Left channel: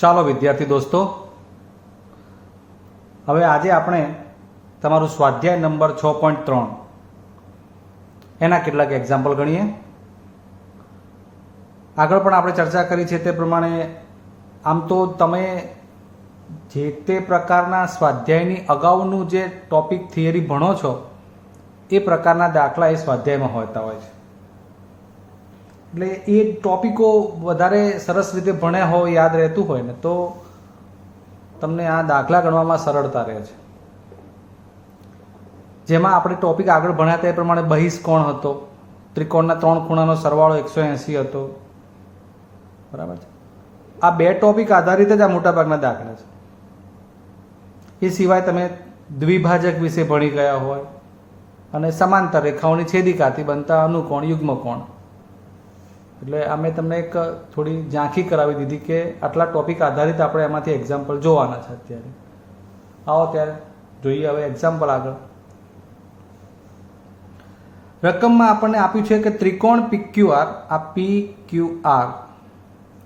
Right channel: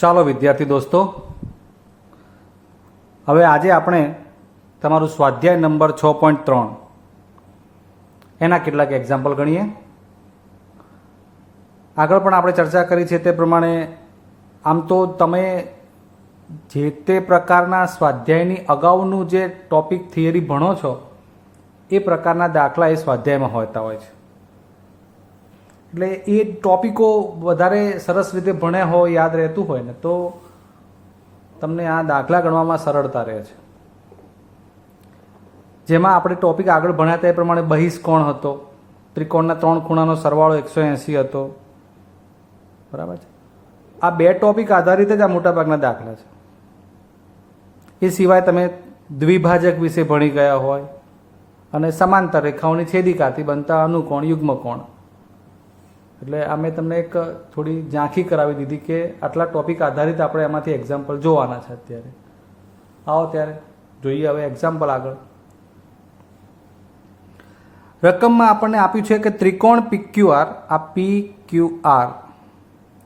ચાલો વિદ્યાર્થી દોસ્તો, હવે આજે આપણે તમારું સ્વાધ્યાય નંબર 6.3 એના કેટલાક એક્ઝામ્પલ ગણીએ. આગળ પણ આપણે ચર્ચા કરી છે તે પ્રમાણે આમ તો તમે જે તે પ્રકારના સ્વાધ્યાયની અગાઉનું જે ટોપિક થિયરી ભણો છો એ પ્રકારના દાખલા એ સ્વાધ્યાયમાં હોતા હોય છે. એટલે એ ટોપિકો વધારે સરસ રીતે ભણ્યા હોય, યાદ રહેતું હોય ને તો તમને આ દાખલા ગણવામાં સરળતા રહે છે. જેમાં આપણે ટોપિક આગળ ભણ્યા હતા એ પ્રમાણે બહિષ્કોણ હતો, ત્રિકોણના 3 ખૂણાનો સરવાળો 180 હતો. બરાબર છે. આ બે ટોપિક આધારિત જ આ મોટાભાગના દાખલા છે. એ સિવાય તમે દ્વિભાજક વિશે ભણી ગયા હોય અને સમાંતર રેખાઓની છેદિકાથી બનતા અનુકોણ, યુગ્મકોણ. એટલે આ મેં તમને એક થોડી ઝાંખી કરાવી દીધી કે આટલા ટોપિક આધારિત આપણે એમાંથી એક્ઝામ્પલ જોવાના છે. અત્યારે આવો ત્યારે જોઈએ હવે એક્ઝામ્પલ આગળ. રકમમાં આપણને આપ્યું છે કે ત્રિકોણ PQR, આ PQR,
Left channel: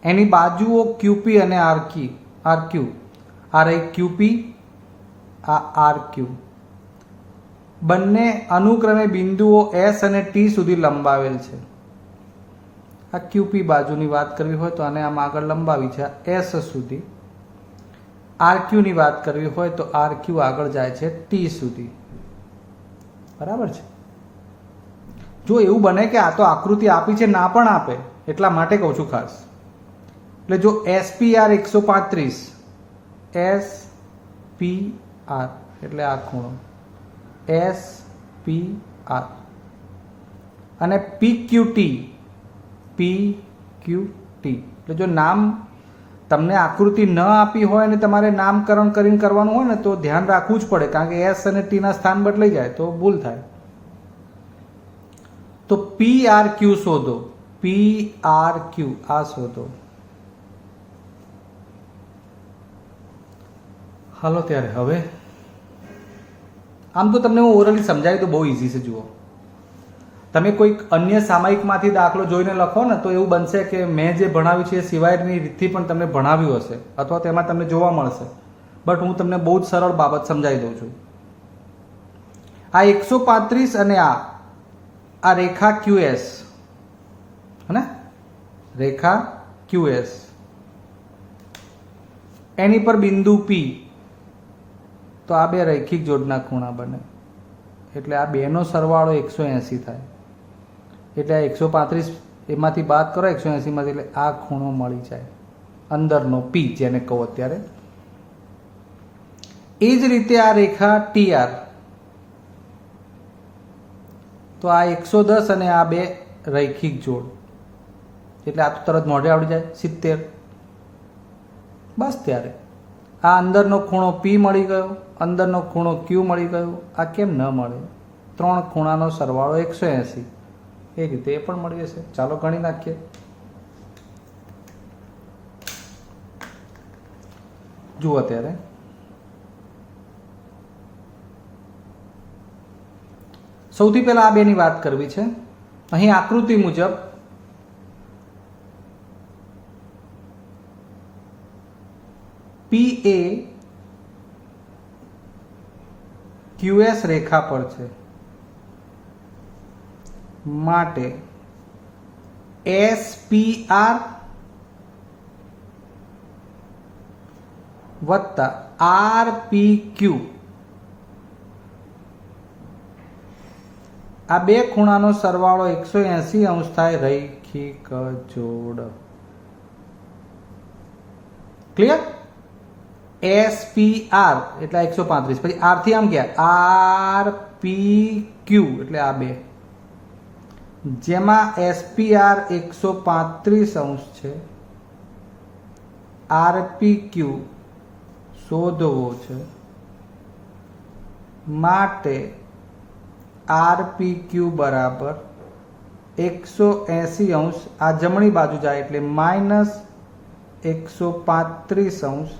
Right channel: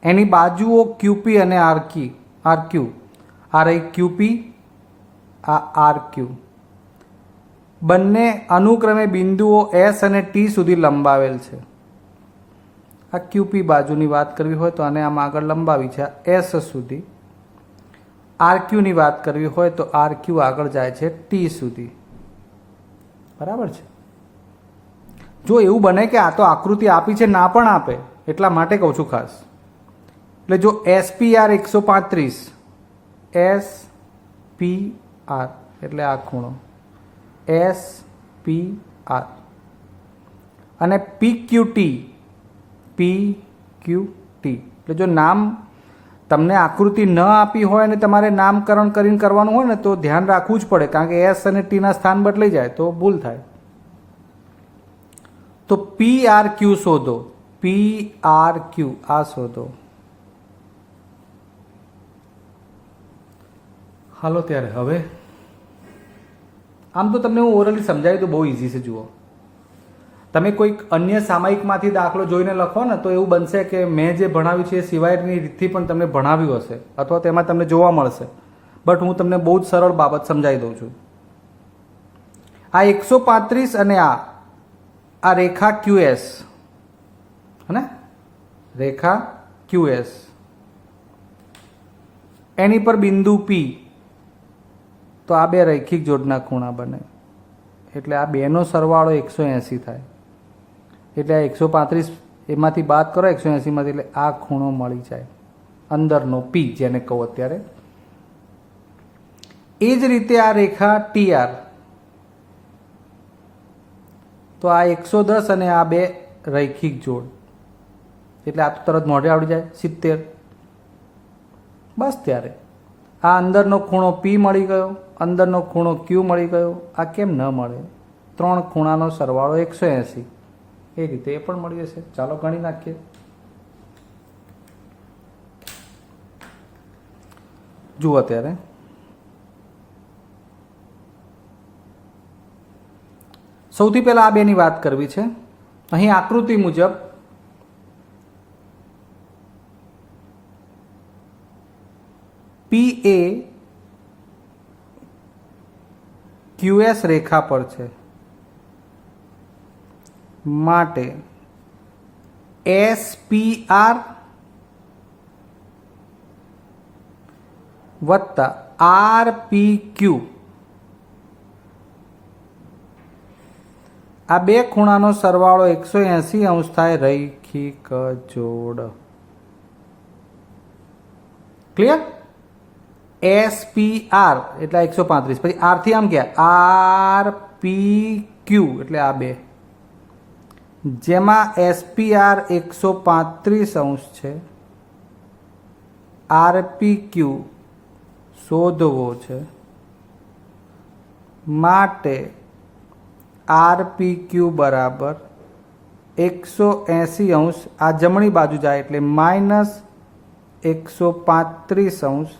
એની બાજુઓ QP અને RQ, આ રહી QP, આ RQ, બંને અનુક્રમે બિંદુઓ S અને T સુધી લંબાવેલ છે. આ QP બાજુની વાત કરવી હોય તો આને આમ આગળ લંબાવી છે S સુધી. RQ ની વાત કરવી હોય તો RQ આગળ જાય છે T સુધી. બરાબર છે. જો એવું બને કે આ તો આકૃતિ આપી છે, ના પણ આપે, એટલા માટે કહું છું ખાસ. એટલે જો SPR 135, SPR એટલે આ ખૂણો SPR, અને PQT, એટલે જો નામ તમને આકૃતિ ન આપી હોય અને તમારે નામકરણ કરીને કરવાનું હોય ને તો ધ્યાન રાખવું જ પડે, કારણ કે S અને T ના સ્થાન બદલાઈ જાય તો ભૂલ થાય. તો PRQ શોધો, PRQ આ શોધો. હાલો ત્યારે હવે આમ તો તમને હું ઓરલી સમજાવી તો બહુ ઇઝી છે. જુઓ, તમે કોઈક અન્ય સામયિકમાંથી દાખલો જોઈને લખો ને તો એવું બનશે કે મેં જે ભણાવ્યું છે એ સિવાયની રીતથી પણ તમને ભણાવ્યું હશે અથવા તેમાં તમને જોવા મળશે. બટ હું તમને બહુ જ સરળ બાબત સમજાવી દઉં છું. આ 135 અને આ રેખા QS, હે, રેખા QS, એની પર બિંદુ P, તો આ બે રૈખિક જોડના ખૂણા બને. એટલે આ બેનો સરવાળો 180 થાય. એટલે આ 135 એમાંથી બાદ કરો 180 માંથી, એટલે આ ખૂણો મળી જાય, અંદરનો P જેને કહો અત્યારે. એ જ રીતે આ રેખા TR, તો આ 110 અને આ બે રૈખિક જોડ, એટલે આ તો તરત મોઢે આવડી જાય 70. બસ ત્યારે આ અંદરનો ખૂણો P મળી ગયો, અંદરનો ખૂણો Q મળી ગયો. આ કેમ ન મળે? 3 ખૂણાનો સરવાળો 180, એ રીતે એ પણ મળી જશે. ચાલો ગણી નાખીએ. જુઓ ત્યારે સૌથી પહેલા આ બેની વાત કરવી છે. અહીં આકૃતિ મુજબ PA QS રેખા પર છે, માટે SPR વત્તા RPQ, આ બે ખૂણાનો સરવાળો 180 અંશ થાય, રૈખિક જોડ. ક્લિયર? SPR એટલે 135, પછી R થી આમ ગયા RPQ એટલે આ બે, જેમાં SPR 135 અંશ છે, RPQ શોધવો છે, માટે RPQ બરાબર 180 અંશ, આ જમણી બાજુ જાય એટલે -135 અંશ,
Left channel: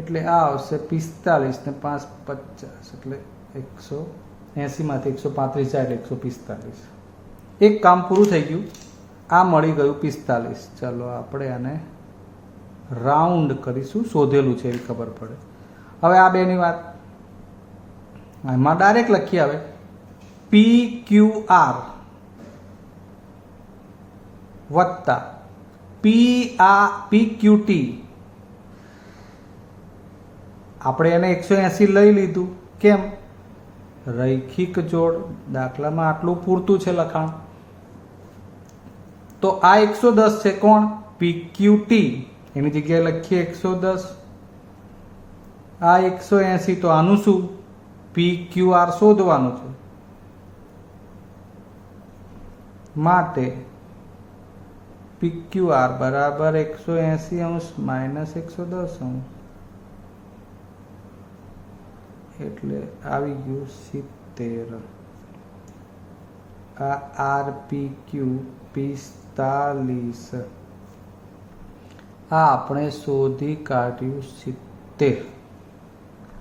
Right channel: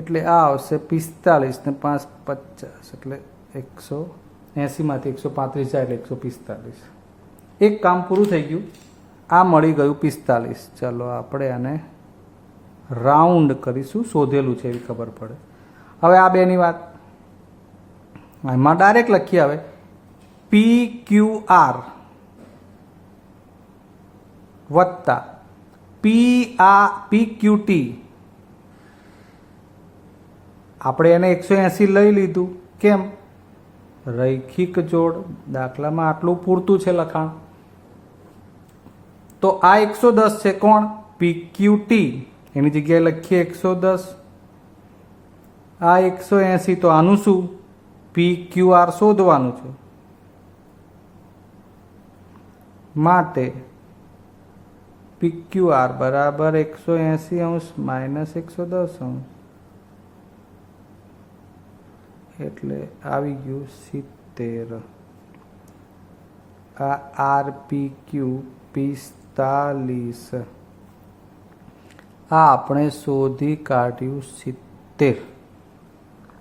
એટલે આ આવશે 45 ને 5 50, એટલે 180 માંથી 135 જાય એટલે 145. એક કામ પૂરું થઈ ગયું. આ મળી ગયું 45. ચલો આપણે આને રાઉન્ડ કરીશું, શોધેલું છે એ ખબર પડે. હવે આ બેની વાત એમાં ડાયરેક્ટ લખીએ. હવે PQR વત્તા PQT, આપણે એને 180 લઈ લીધું. કેમ? રૈખિક જોડ. દાખલામાં આટલું પૂરતું છે લખાણ. તો આ 110 છે. કોણ? PQT. એની જગ્યાએ લખીએ 110. આ 180. તો આનું શું? PQR શોધવાનું છે. માટે PQR બરાબર 180 માઇનસ 110, એટલે આવી ગયું 70. આ RPQ 45. આ આપણે શોધી કાઢ્યું 70.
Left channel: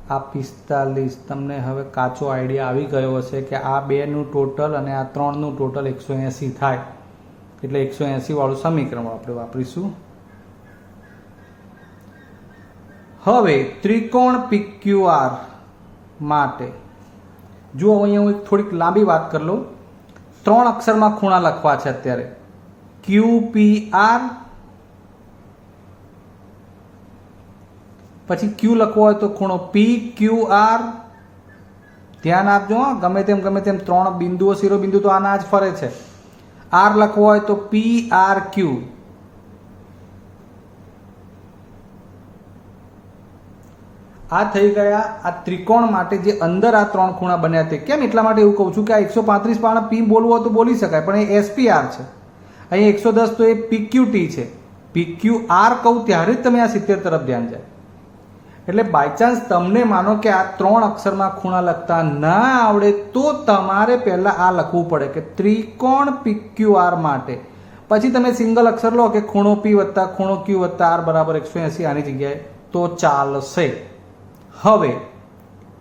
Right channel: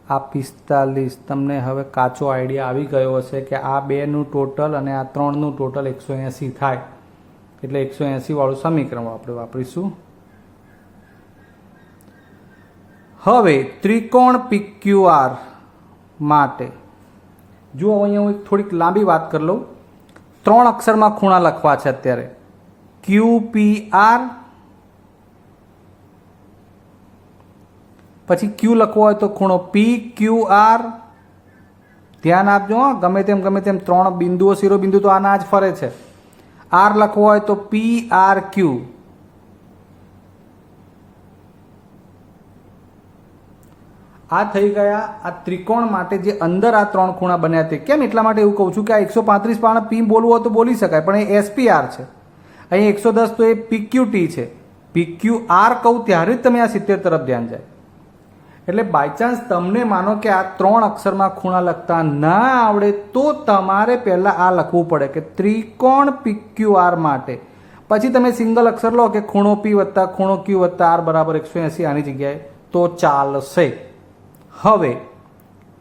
આ 45. તમને હવે કાચો આઈડિયા આવી ગયો હશે કે આ બેનું ટોટલ અને આ ત્રણનું ટોટલ 180 થાય. એટલે 180 વાળું સમીકરણ આપણે વાપરીશું. હવે ત્રિકોણ PQR માટે જુઓ, અહીંયા હું થોડીક લાંબી વાત કરી લઉં. 3 અક્ષરમાં ખૂણા લખવા છે અત્યારે. QPR, પછી Q લખવો હોય તો ખૂણો PQR. ધ્યાન આપજો, ગમે તેમ 3 બિંદુઓ, શિરોબિંદુ તો આના જ ફરે છે. R લખવો હોય તો PRQ. આ થઈ ગયા આ ત્રિકોણ માટે જે અંદર આ 3 ખૂણા બન્યા તે. કેમ? એટલા માટે એવું કહું છું કે આ 135 પાણા P બોલવું હોય તો બોલી શકાય, પણ એ SPR છે. અહીં 110 તો એ PQT છે. PQR કહું ત્યારે જ તમે આ 70 તરફ ધ્યાન જાય. એટલે બાયચાન્સ તમને માનો કે આ 3 અક્ષરમાં ખૂણા લખતા ના આવડે તો તમારે પહેલા આ લખવું પડે કે ત્રિકોણ PQR માટે. પછી તમે સિંગલ અક્ષર લો કે ખૂણો P વત્તા ખૂણો Q વત્તા R બરાબર 180 આની જગ્યાએ તો ચાલશે. હવે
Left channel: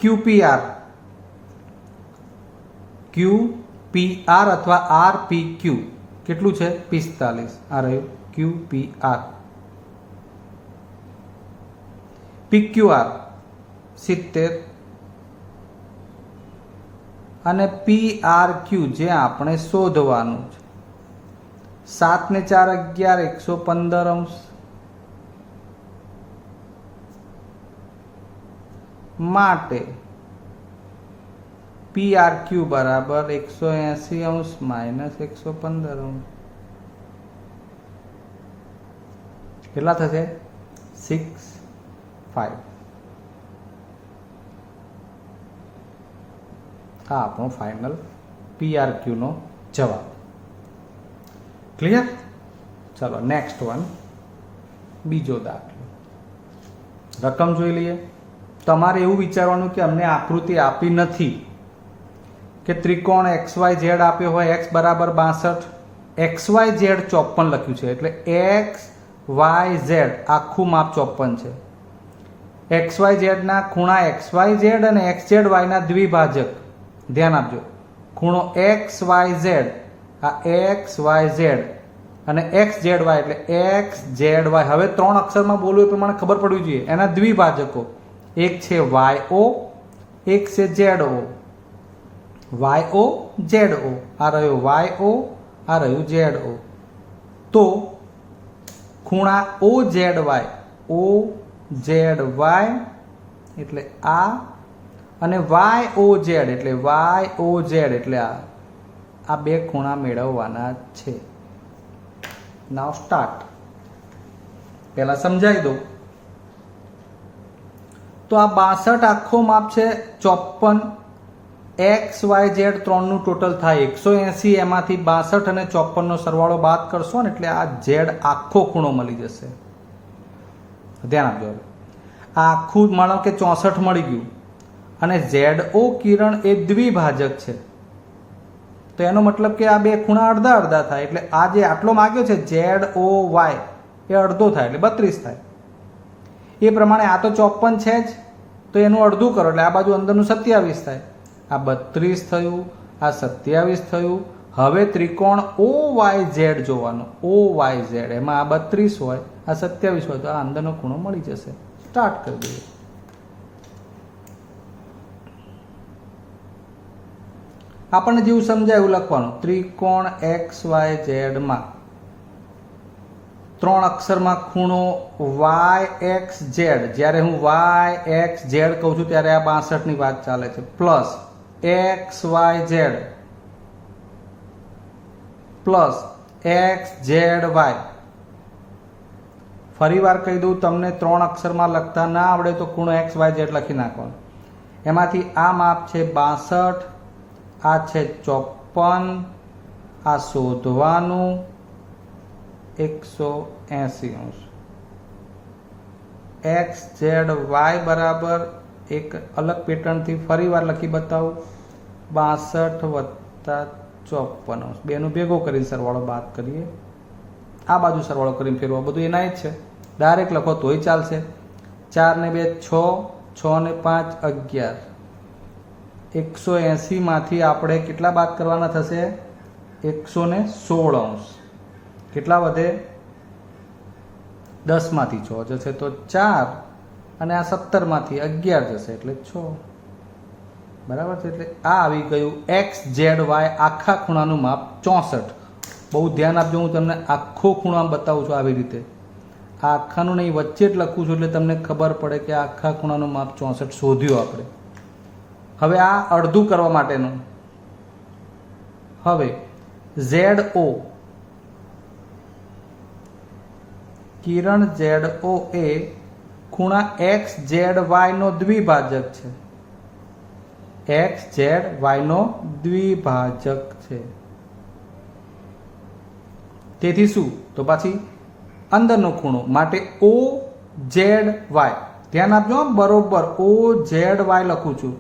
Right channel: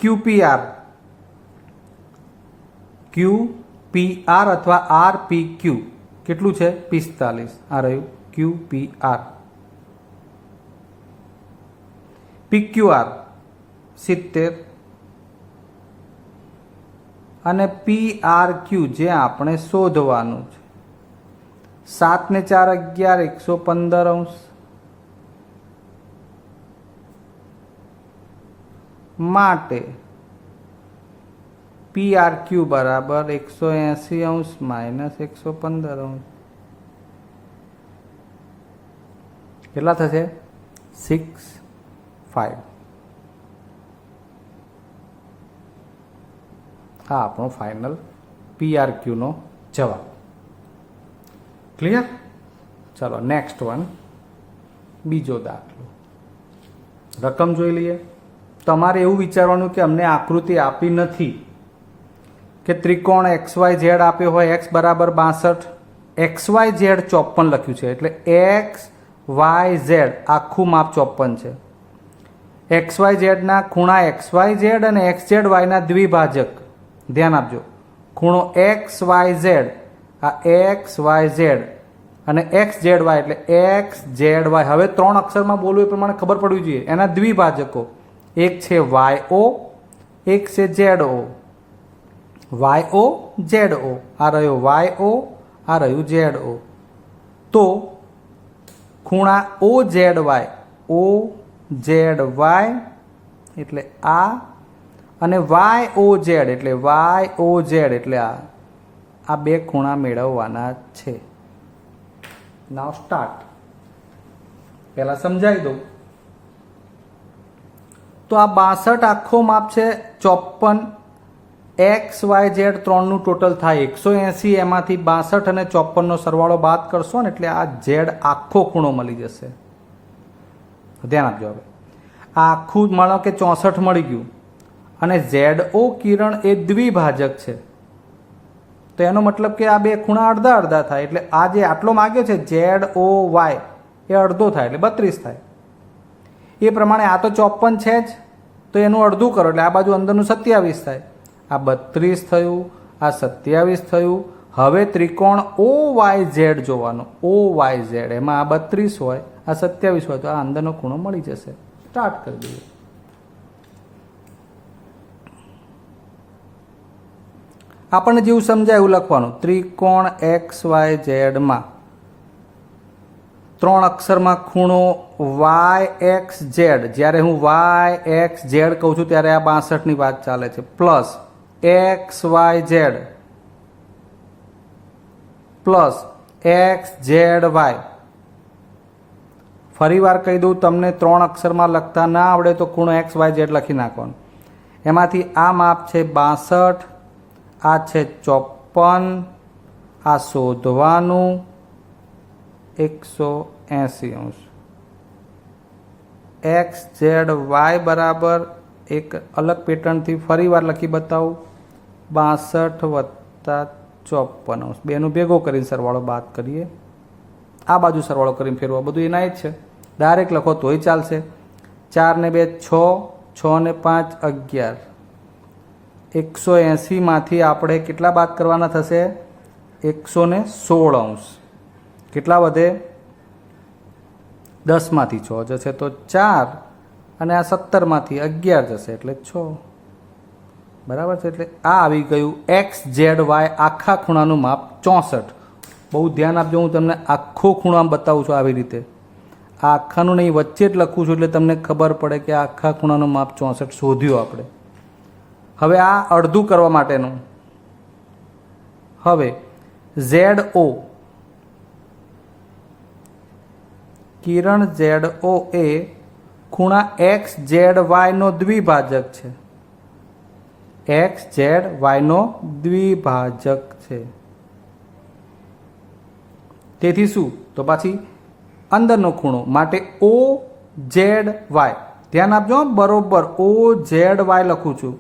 QPR અથવા RPQ કેટલું છે? 45. આ રહ્યું QPR. PQR 70 અને PRQ જે આપણે શોધવાનું છે. 7 ને 4 11, 115 માટે PRQ બરાબર 180 માઇનસ 115. કેટલા થશે? 6.5. આ આપણો ફાઇનલ PRQ નો જવાબ. ક્લિયર? ચલો નેક્સ્ટ વન, બીજો દાખલો. રકમ જોઈ લઈએ. તમારે એવું વિચારવાનું કે અમને આકૃતિ આપી નથી કે ત્રિકોણ XYZ આપ્યો હોય, x બરાબર 62, XYZ 54 લખ્યું છે. એટલે XYZ આખું માપ 54 છે. XYZ ના ખૂણા XYZ અને XZY ના દ્વિભાજક. ધ્યાન આપજો, ખૂણો XYZ, આ XYZ અને XZY એટલે XZY. હવે 3 અક્ષરમાં બોલવું એ પ્રમાણે ખબર પડવી જોઈએ. એના દ્વિભાજકો એક છે YO, એક છે ZO. YO ZO. આ રહ્યો YO, આ રહ્યું ZO. તો ખૂણા OZY એટલે આ, અને YOZ એટલે YOZ એટલે આ બે ખૂણા મેળવવાના છે. નાવ સ્ટાર્ટ. પહેલા સમજાવી દઉં તો આ 62 આખો માપ છે 54. XYZ 3નું ટોટલ થાય 180. એમાંથી 62 અને 54 નો સરવાળો બાદ કરશો ને એટલે આ Z આખો ખૂણો મળી જશે. ધ્યાન આપજો. હવે આ આખું માનો કે 64 મળી ગયું અને ZO કિરણ એ દ્વિભાજક છે. તો એનો મતલબ કે આ બે ખૂણા અડધા અડધા થાય. એટલે આ જે આટલો માગ્યો છે ZOY એ અડધો થાય એટલે 32 થાય. એ પ્રમાણે આ તો 54 છે જ, તો એનું અડધું કરો એટલે આ બાજુ અંદરનું 27 થાય. આ 32 થયું, આ 27 થયું. હવે ત્રિકોણ OYZ જોવાનું. OYZ એમાં આ 32 હોય આ 27 હોય તો આ અંદરનો ખૂણો મળી જશે. સ્ટાર્ટ કરી દઈએ. આપણને જેવું સમજાય એવું લખવાનું. ત્રિકોણ XYZ માં 3 અક્ષરમાં ખૂણો YXZ, જ્યારે હું YXZ કહું છું ત્યારે આ 62 ની વાત ચાલે છે, પ્લસ XYZ પ્લસ XZY. ફરી વાર કહી દઉં, તમને 3 અક્ષરમાં લખતા ના આવડે તો ખૂણો XYZ લખી નાખવાનો. એમાંથી આ માપ છે 62, આ છે 54, આ શોધવાનું 180 અંશ. XZY બરાબર એક અલગ પેટર્નથી ફરી વાર લખી બતાવું, 62 વત્તા 54 અંશ. બેનું ભેગો કરીને સરવાળો બાદ કરીએ. આ બાજુ સરવાળો કરીને ફેરવો, બધું એના જ છે. ડાયરેક્ટ લખો તોય ચાલશે. 4 ને 2 6, 6 ને 5 11. 180 માંથી આપણે કેટલા બાદ કરવાના થશે? 116 અંશ. કેટલા વધે? 10 માંથી 6 જશે તો 4, અને આ 17 માંથી 11 જશે એટલે 6. બરાબર છે. એટલે આ આવી ગયું XZY આખા ખૂણાનું માપ 64. બહુ ધ્યાન આપજો, હું તમને આખો ખૂણો આમ બતાવું છું આવી રીતે. આ આખાનું નહીં, વચ્ચે જ લખું છું એટલે તમને ખબર પડે કે આ આખા ખૂણાનું માપ 64 શોધ્યું આપણે. હવે આ અડધું કરવા માટેનું. હવે ZO, કિરણ ZO એ ખૂણા XZY નો દ્વિભાજક છે. XZY નો દ્વિભાજક છે. તેથી શું? તો પછી અંદરનો ખૂણો માટે OZY. ધ્યાન આપજો, બરોબર OZY લખું છું.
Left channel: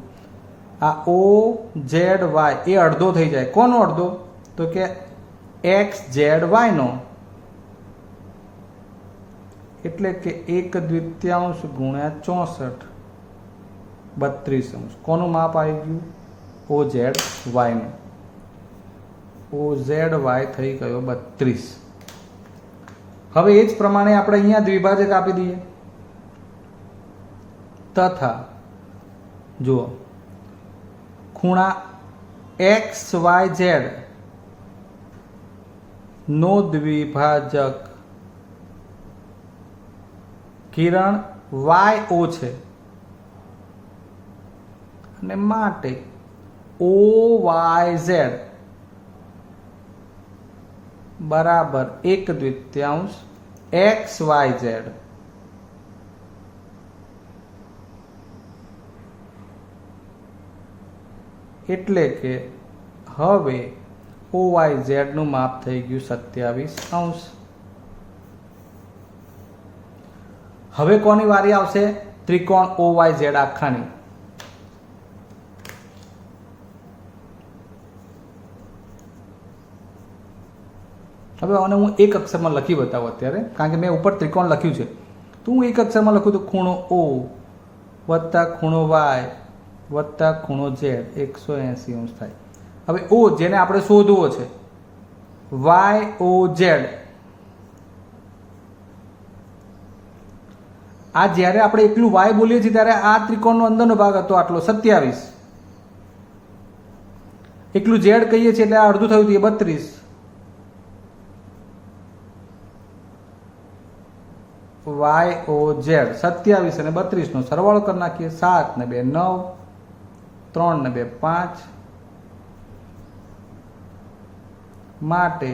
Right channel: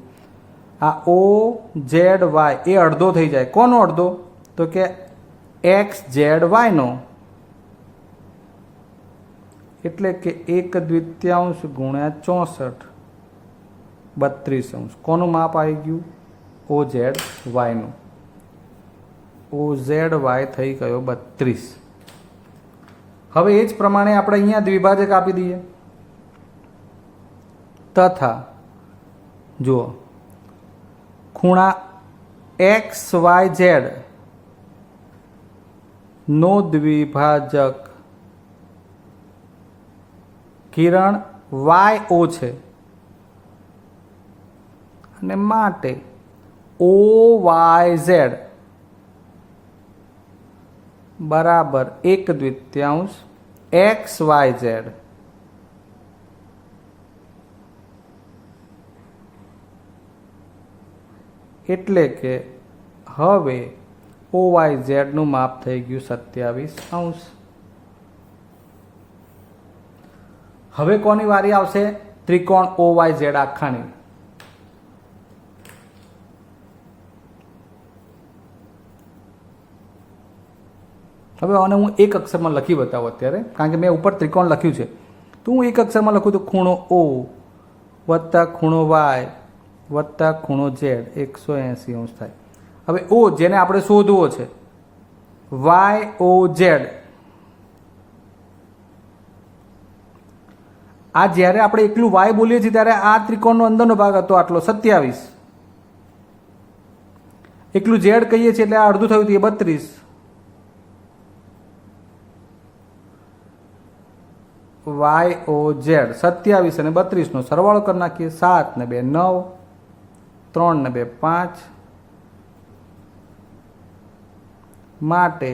આ OZY એ અડધો થઈ જાય. કોનો અડધો? તો કે XZY નો. એટલે કે 1/2 ગુણ્યા 64, 32 અંશ. કોનું માપ આવી ગયું? OZY નું. OZY થઈ ગયો 32. હવે એ જ પ્રમાણે આપણે અહીંયા દ્વિભાજક આપી દઈએ. તથા જુઓ, ખૂણા XYZ નો દ્વિભાજક કિરણ YO છે, અને માટે OYZ બરાબર 1/2 XYZ. એટલે કે હવે OYZ નું માપ થઈ ગયું 27 અંશ. હવે કોની વારી આવશે? ત્રિકોણ OYZ આખાની. હવે આને હું એક અક્ષરમાં લખી બતાવું અત્યારે, કારણ કે મેં ઉપર ત્રિકોણ લખ્યું છે. તો હું એક અક્ષરમાં લખું તો ખૂણો O વત્તા ખૂણો Y વત્તા ખૂણો Z 180 અંશ થાય. હવે O જેને આપણે શોધવો છે, YOZ. આ જ્યારે આપણે એકલું Y બોલીએ છીએ ત્યારે આ ત્રિકોણનો અંદરનો ભાગ હતો આટલો 27. એકલું Z કહીએ છીએ એટલે આ અડધું થયું હતું, એ 32. YOZ 27 અને 32 નો સરવાળો કરી નાખીએ. 7 ને 2 9, 3 ને 2 5, માટે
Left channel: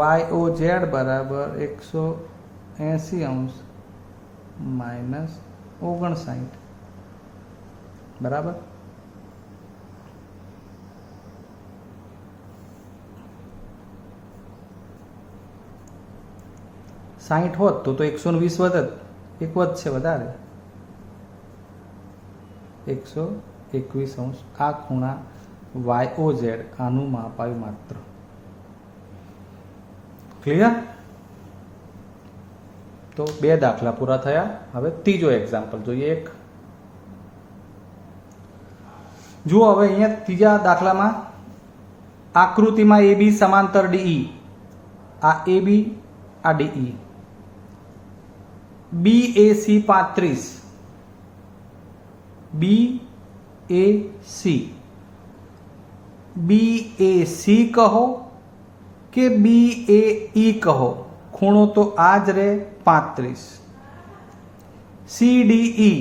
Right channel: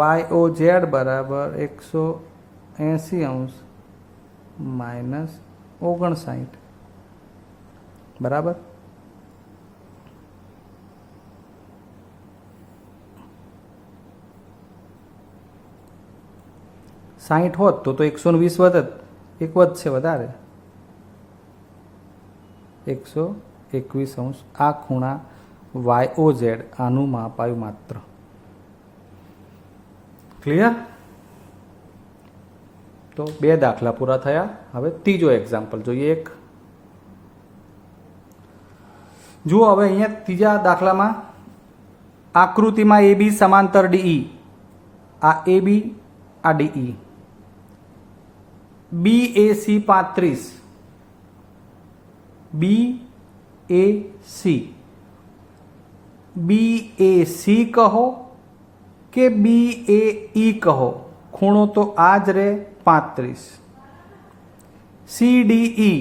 YOZ બરાબર 180 અંશ માઇનસ 59. બરાબર. સાહીઠ હોત તો 120 વધત, એક વધશે વધારે, 121 અંશ. આ ખૂણા YOZ આનું માપ આવ્યું માત્ર. ક્લિયર? તો 2 દાખલા પૂરા થયા. હવે ત્રીજો એક્ઝામ્પલ જોઈએ. એક જુઓ, હવે અહીંયા ત્રીજા દાખલામાં આકૃતિમાં AB સમાંતર DE. આ AB, આ DE. BAC 35, BAC કહો કે BAE કહો, ખૂણો તો આ જ રે 35. CDE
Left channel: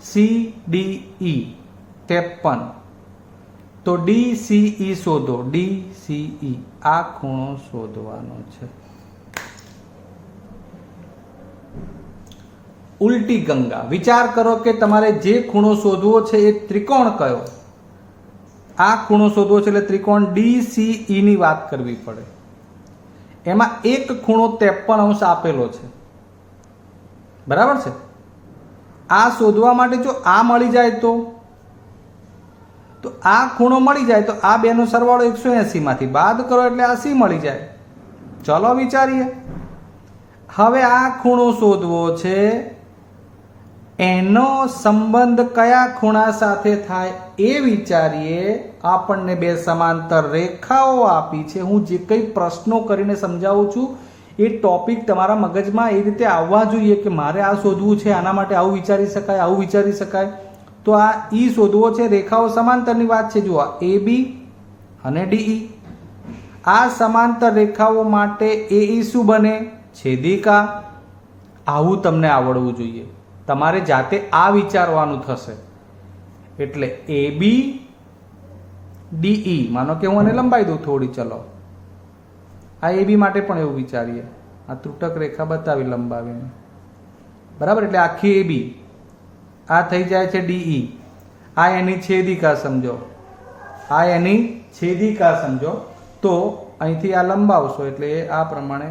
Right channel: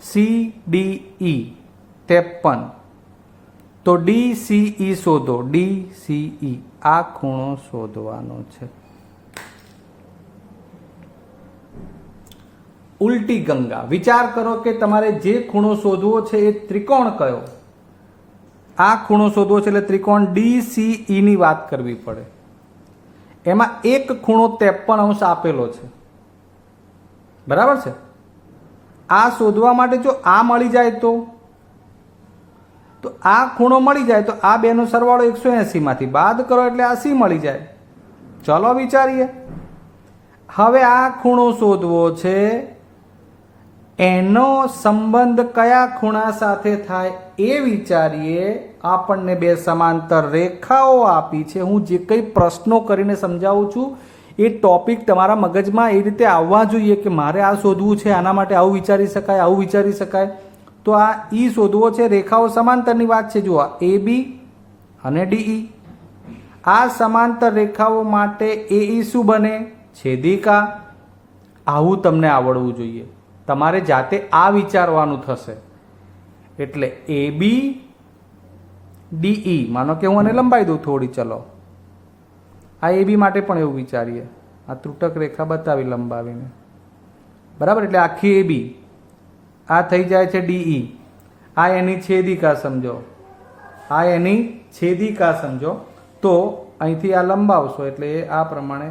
53, તો DCE શોધો. DCE આ ખૂણો શોધવાનો છે. ઉલટી ગંગા, વિચાર કરો કે તમારે જે ખૂણો શોધવો છે એ ત્રિકોણ કયો? આ ખૂણો શોધવો છે એટલે ત્રિકોણ DCE ની વાત કરવી પડે. એમાં એક ખૂણો 53 આપેલો છે, બરાબર છે. આ શોધવા માટે જો આ મળી જાય તો આ ખૂણો મળી જાય તો આ બેનો સરવાળો 180 માંથી બાદ કરો એટલે આ C મળી જાય. ચલો વિચારીએ. હવે આ ખૂણો શોધવો છે, એનો સંબંધ કયા ખૂણા સાથે થાય એ વિચારીએ. આપણને બે સમાંતર રેખાઓ આપી છે. હું જે કંઈ પ્રશ્નો કરીને સમજાવું છું એ ટોપિક તમારા મગજમાં એ રીતે આવવા જોઈએ કે મારે આ શોધવું છે, આના માટે આવું વિચારી શકાય, આવું વિચારી શકાય. તો આ E શોધવો છે, રેખાઓ સમાંતરની વાત છે. જુઓ AB અને DE. આ સમાંતર રેખાઓ માટે AE શું બને? છેદિકા. આવું તમને આવડવું જોઈએ. તમારે જાતે આ વિચારવાનું થશે. એટલે AB DE, માનો કે હું આને લંબાઈ દઉં થોડી. ચલો આ AB માટે પણ એવું વિચારીએ. આ ત્રુટક રેખા બતાવી લંબાવીને, બરાબર. એટલે આખી AB આ થઈ જાય છે DE. આ એની છેદિકા સમજો, આ એની છેદિકા સમજો. તો અહીંથી આ લંબાવશો એટલે આ પ્રમાણે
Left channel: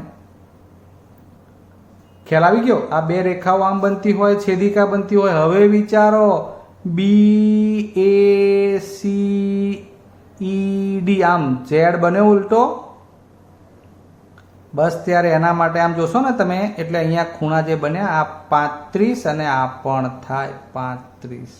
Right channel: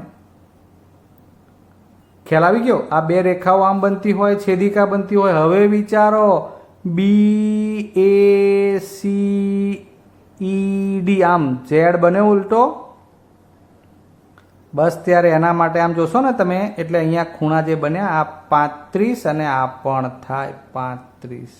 ખ્યાલ આવી ગયો. આ બે રેખાઓ આમ બનતી હોય, છેદિકા બનતી હોય. હવે વિચારો BACED, આમ Z બને ઉલટો. બસ ત્યારે એના માટે આમ જોશો ને તમે, એટલે અહીંયા ખૂણા જે બન્યા આ 35 અને આ પણ થાય 35.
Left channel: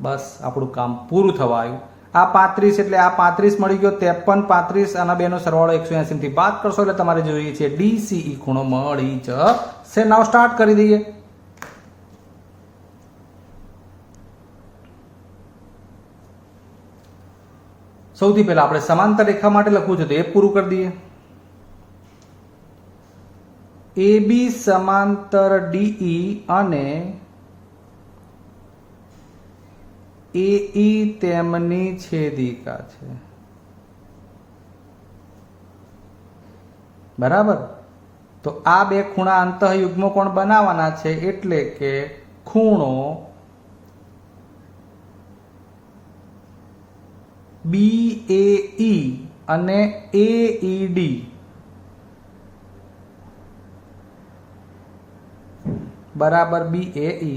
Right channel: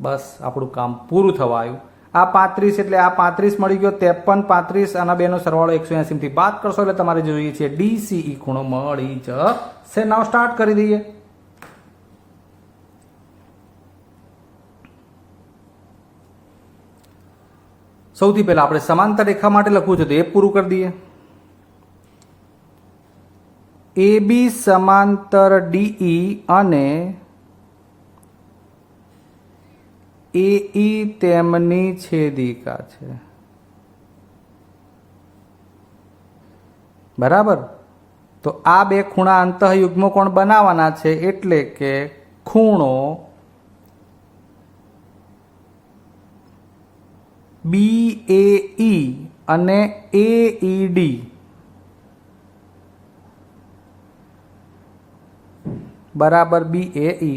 બસ આપણું કામ પૂરું થવા આવ્યું. આ 35 એટલે આ 35 મળી ગયો. 53, 35 અને બેનો સરવાળો 180 થી બાદ કરશો એટલે તમારે જોઈએ છે DCE ખૂણો મળી જશે. નાવ સ્ટાર્ટ કરી દઈએ. સૌથી પહેલા આપણે સમાંતર રેખા માટે લખવું છે તો એ પૂરું કરી દઈએ. AB સમાંતર DE અને AE તેમની છેદિકા છે, બરાબર. તો આ બે ખૂણા અંતઃયુગ્મ કોણ બનાવવાના છે, એટલે કે ખૂણો BAE અને AED બરાબર BAE.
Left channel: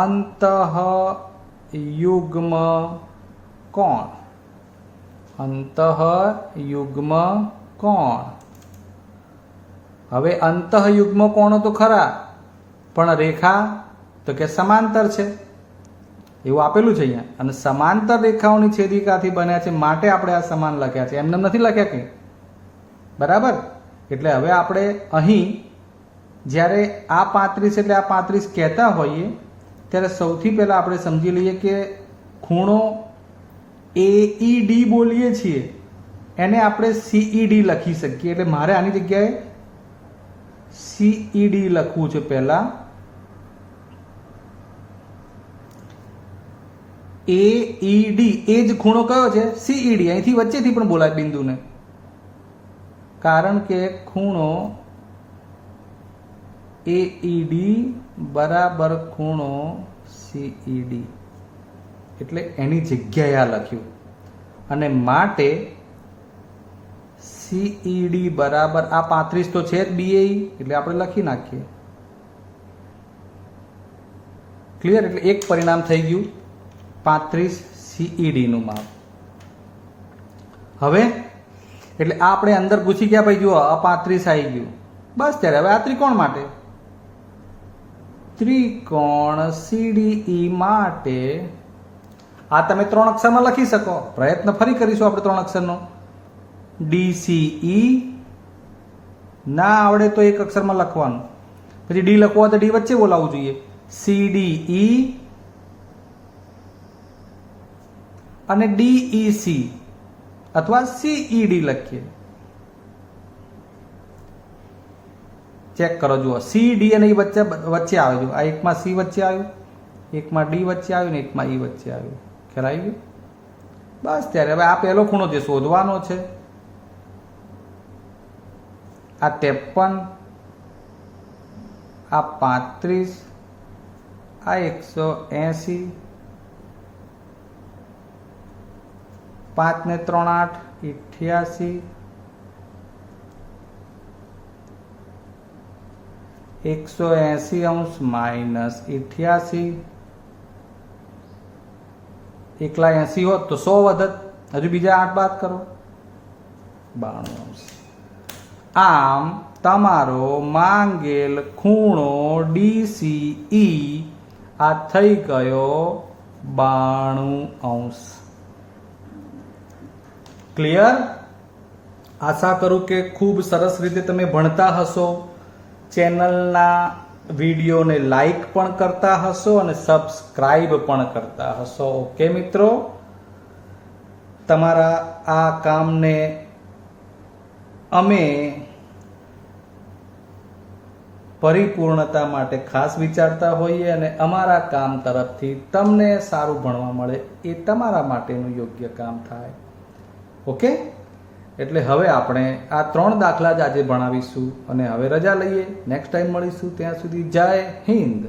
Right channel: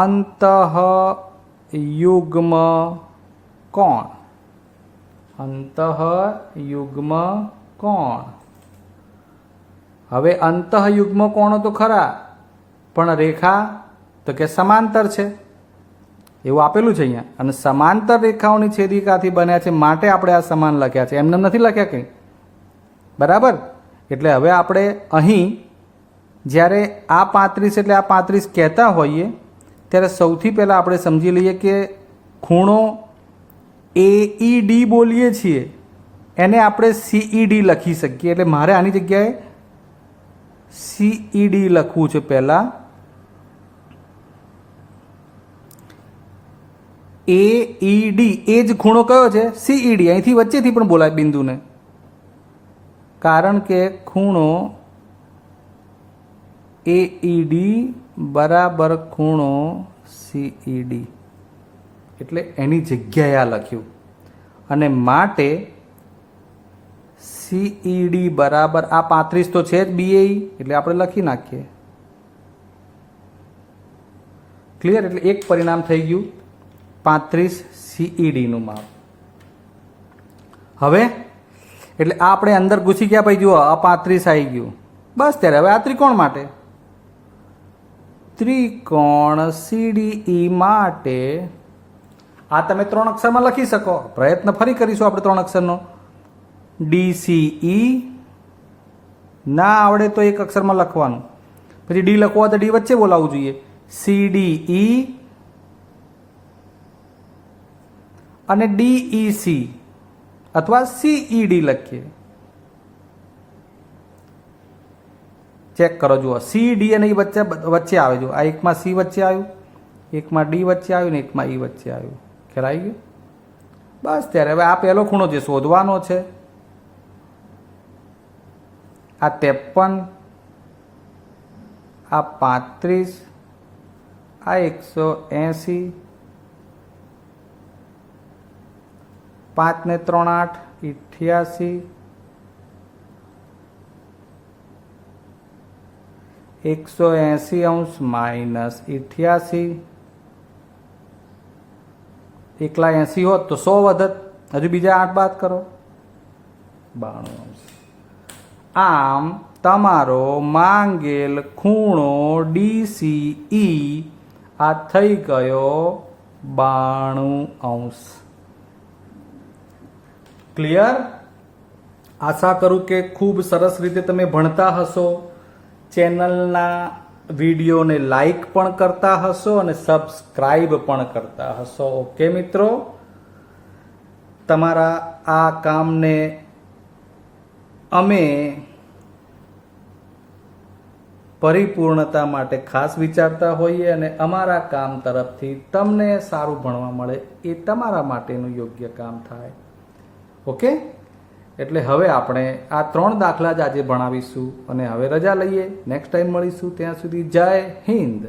અંતઃયુગ્મ કોણ, અંતઃયુગ્મ કોણ. હવે અંતઃયુગ્મ કોણો તો ખરા, પણ રેખા તો કે સમાંતર છે એવું આપેલું છે અહીંયા. અને સમાંતર રેખાઓની છેદિકાથી બન્યા છે માટે આપણે આ સમાન લખ્યા છે, એમને નથી લખ્યા કંઈ, બરાબર. એટલે હવે આપણે અહીં જ્યારે આ 35 એટલે આ 35 કહેતા હોઈએ ત્યારે સૌથી પહેલાં આપણે સમજી લઈએ કે ખૂણો AED બોલીએ છીએ એને આપણે CED લખી શકીએ. એટલે મારે આની જગ્યાએ CED લખવું છે પહેલાં. AED એ જ ખૂણો કયો છે? CED. અહીંથી વચ્ચેથી પણ બોલાય બિંદુને, કારણ કે ખૂણો AED બરાબર ખૂણો CED, એટલે એની જગ્યાએ આ લખ્યું. અને માટે CED બરાબર આ 35 તો છે જ BAE, એટલે આપણે લખી નાખીએ. ક્લિયર? એટલે એક પરિણામ થઈ ગયું 35 CED નું માપ. હવે એટલે આ આપણે અંદર ઘૂસી ગયા. ભાઈ જુઓ આ 35 આવી ગયું. બસ ત્યારે હવે આ ત્રિકોણ માટે, ત્રિકોણ CDE માટે આ તમે 3 અક્ષરમાં લખી શકો. પ્રયત્ન ફરી કરીશું આપણે 3 અક્ષરનો. DCE ના આવડે તો એક અક્ષરમાં લખવાનું. પછી ડી લખવો હોય તો ડી વચ્ચે બોલાવવું જોઈએ. CDE અને DEC અથવા CED લખીએ. ચેક કરો, જુઓ CD અને E વચ્ચે આવે. જો આ એકમાં C વચ્ચે આવ્યું, એકમાં D વચ્ચે આવ્યું ને એકમાં E વચ્ચે આવ્યું. ખ્યાલ આવી ગયું? બસ ત્યારે હવે આ પહેલો ખૂણો જે શોધવાનો છે, આ 53, આ 35, આ 180, 5 ને 3 8, 88, 180 અંશ માઇનસ 88. એકલા 80 હોત તો 100 વધત. હજુ બીજા 8 બાદ કરો, 92 અંશ. આમ તમારો માંગેલ ખૂણો DCE આ થઈ ગયો 92 અંશ. ક્લિયર? આશા કરું કે ખૂબ સરસ રીતે તમે ભણતા હશો. ચેનલના વિડીયોને લાઈક પણ કરતા હશો અને સબસ્ક્રાઇબ પણ કરતા હશો. ઓકે મિત્રો, તમારા આ કામને અમે પરિપૂર્ણતા માટે ખાસ વિચારતા હોઈએ અને અમારા કામ તરફથી તમને સારું ભણવા મળે એ તમારા માટેનું યોગ્ય કામ થાય. ઓકે, એટલે હવે આપણે આ 3 દાખલા જ આજે ભણાવીશું અને હવે રજા લઈએ. નેક્સ્ટ ટાઈમ મળીશું. ત્યાં સુધી જય હિન્દ.